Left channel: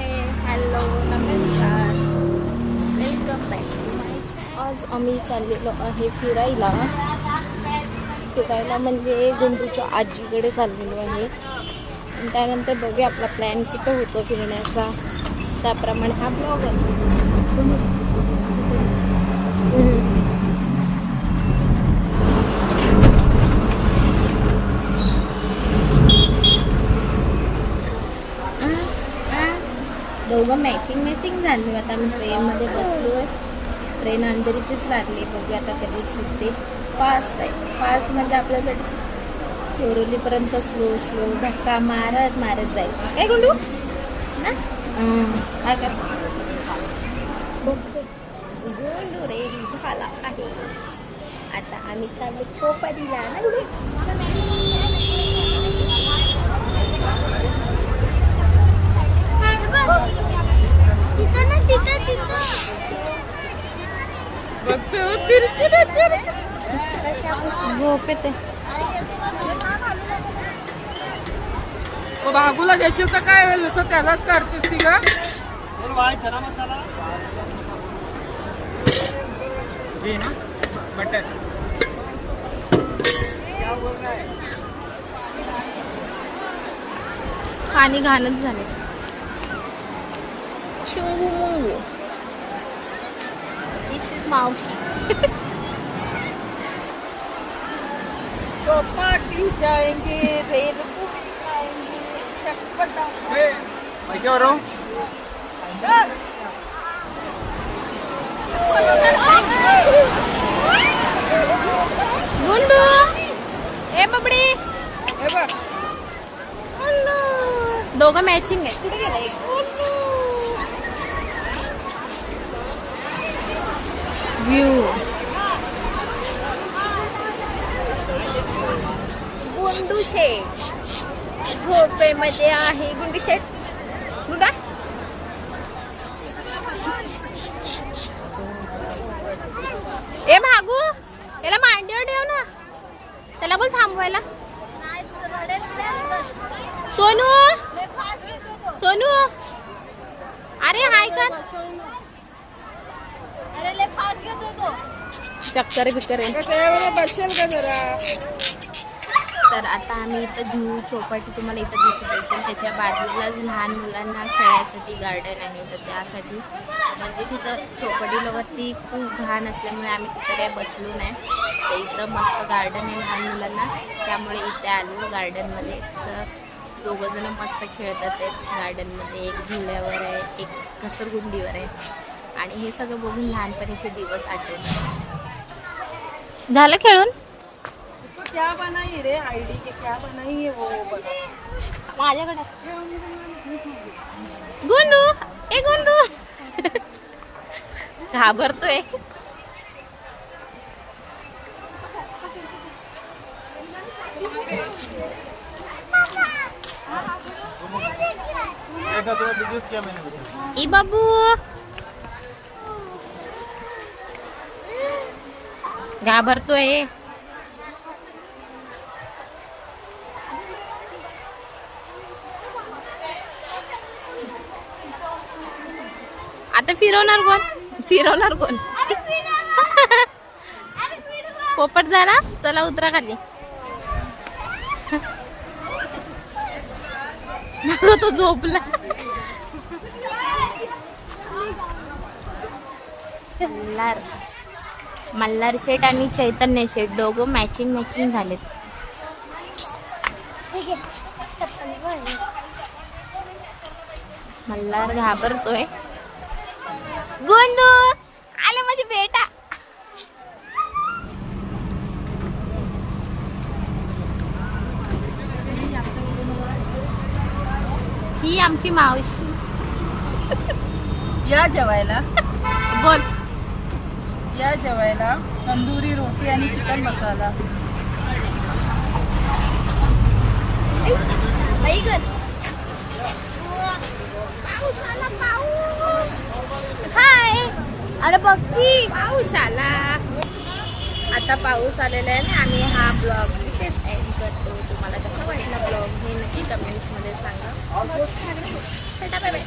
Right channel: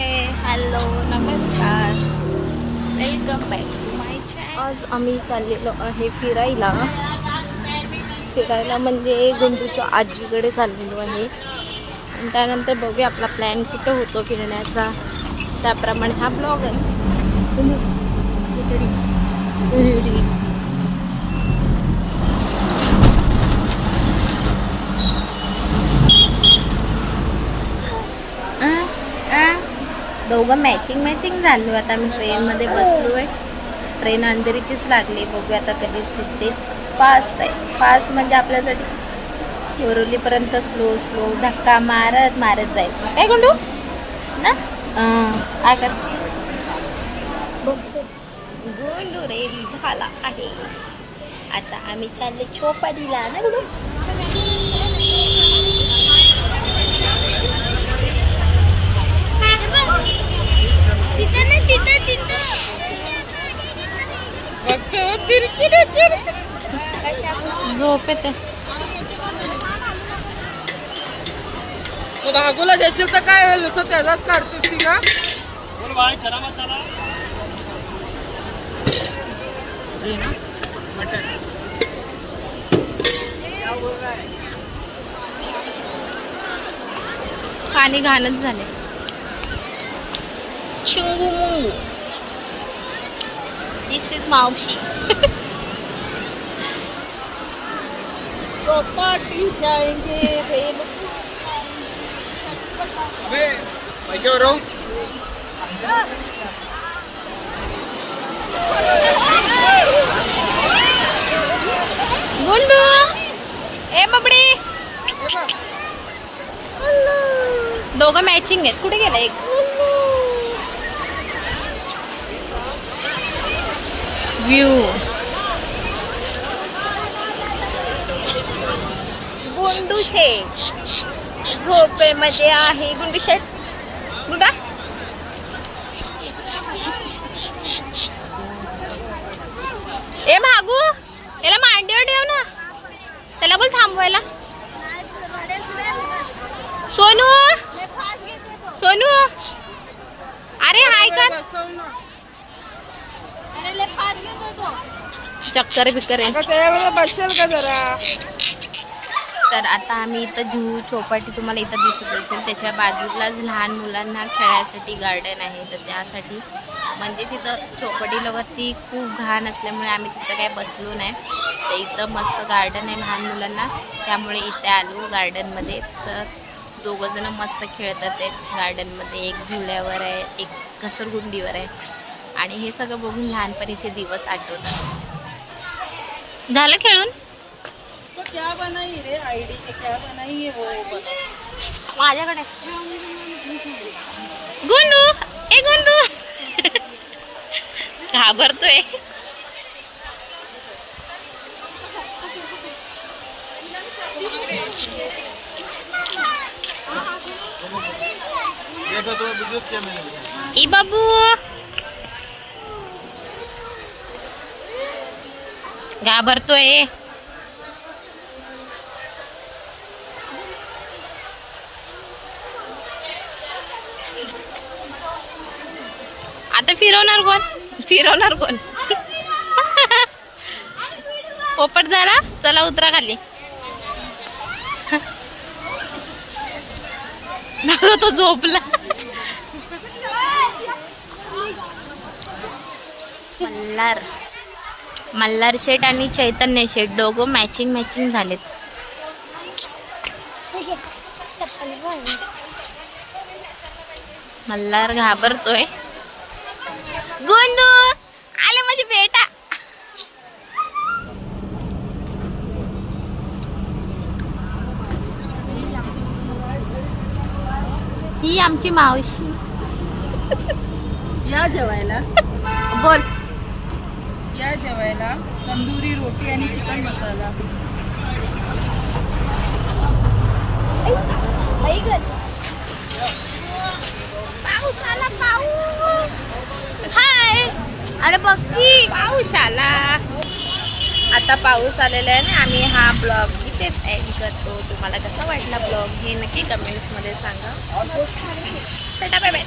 हे हॅलो नमस्कार. Welcome back to माय आज आम्ही चाललेलो आहे फिरायला. फिरायला म्हणजे गुंडूच्या आजीकडे चाललेलो आहे. आणि त्यानंतर बघूया आपला प्लॅन कुठं होतो फिरण्याचा. त्याप्रमाणे हा ब्लॉग असेल. तुम्ही दोघं मॅचिंग मॅचिंग झालो. आता मी ट्रेनमध्ये बसलो आहे ट्रेन अंधेरीचीच लागली. बघूया आता कधी सुटते. फास्ट आहे. फास्ट म्हणजे आपल्यासाठी बोरवलीपर्यंत स्लो स्लो धक्का मारत मारत जायचं. काय गुंडू? ना? काय कर? गुंडू रेडी झाला आहे. आता आम्ही चालले छोपाडीला ना गुंडू तिथे ना तिथे तिथे झोप येते बाबूला देशील तर काय नुसतं त्याचाच काढतेस ती का घे ना मटन पाणी घाणच झाले चिंगू मुंगू. दिस इज मावशी. चौपाटी जाएंगे भेलपुरी खाएंगे चटपटा गुंडू ए बबडी दोघं मॅचिंग आहेत कुठे गेलं एक व्ह्यू गुंडू शेठ. झोपेमध्ये आहे गुंडू शेठ. गुंडा. ए भागू. याला मांडीवर ठेव ना. त्याला बोल थांबवायला. सोनू. सोनू. अरे हाय कर. चक्कर बिक्कर जरा? तर आता आम्ही इथं जुहू चौपाटी तुम्हाला इथं दिसत असेल. त्याच्या बाजूलाच लहान मुलांना खेळायसाठी गार्डन आहे. तर त्यासाठी म्हणजे तिथं चौपाटीवरती खूप घाण असल्यामुळे आम्ही तिथं काही बसलो नाही. तर इथं मस्त गार्डन आहे लहान मुलांना. त्यामुळे इथे आलो गार्डनमध्ये तर दोघंजणं मस्त खेळतात आहेत गार्डनमध्ये एक झुल्यावर आहे एक घसरगुंडीवर आहे. आणि हे सगळं बघून लहानपणीचे दिवस आठवतात. झालं खेळून? उसको क्या बनाई रे आईडी के क्या बनाई है वो? बघ. माझ्याकडे. गुंडू ए गुंडू घाबरतोय. ई बाबू. घाबरतोय. आता फिरवणार कोण? फिरवणार कोण? पोपट झाला? चला उतरा खाली. तो झोपला. मल्हार. मल्हार शेठ आणि चैतन्य शेठ दोघं मॅचिंग मॅचिंग झालेत. मल्हार घाबरतोय. गोंदू आले माझी बेटा. ही आमची मावशी. या जेवायला. बोल. या जेवायला तंदुरी रोटी आणि चिकन मसाला. पाऊस आला पाऊस. हाय. अरे बघ की. पाऊस आला आता पाऊस आलेला आहे ना आम्ही हा ब्लॉग इथेच एंड करतो. तुम्हाला कसा वाटला ब्लॉग हे नक्की कमेंट्समध्ये सांगा. Bye bye